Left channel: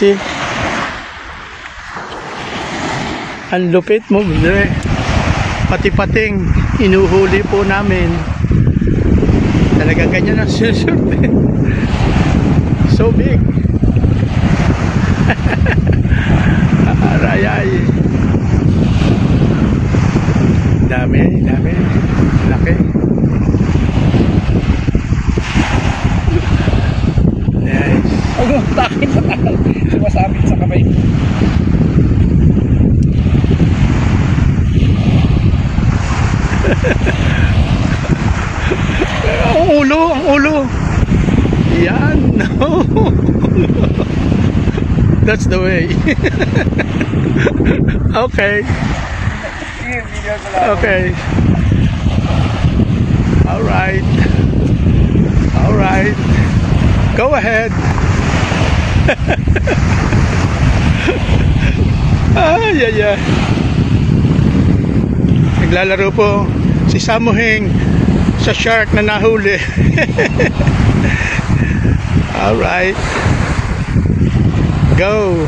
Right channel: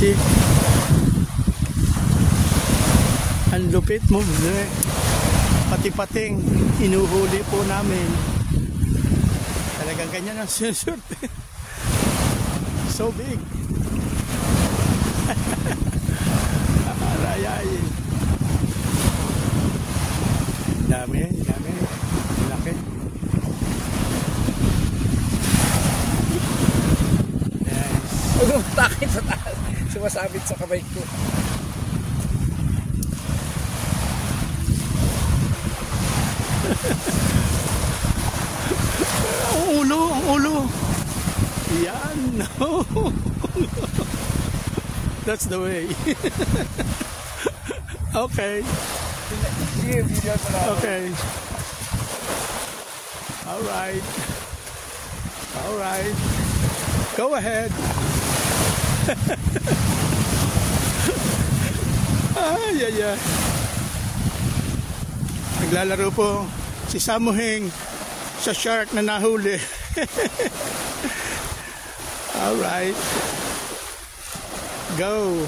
See? Ang lupit mo, bro. Pati-pating inuhuli po namin. Talagang ganyan ang sinusurvey. So big. Arayay. Dami. Laki. Nice. Bakit sa taas? Sumasabit sa kamay. Ang ulo. Yan. No. That's the way. Okay. Okay. All right. Go ahead. Yeah. Naglalaro po si Samuheng sa shark na nahuli. All right. Go.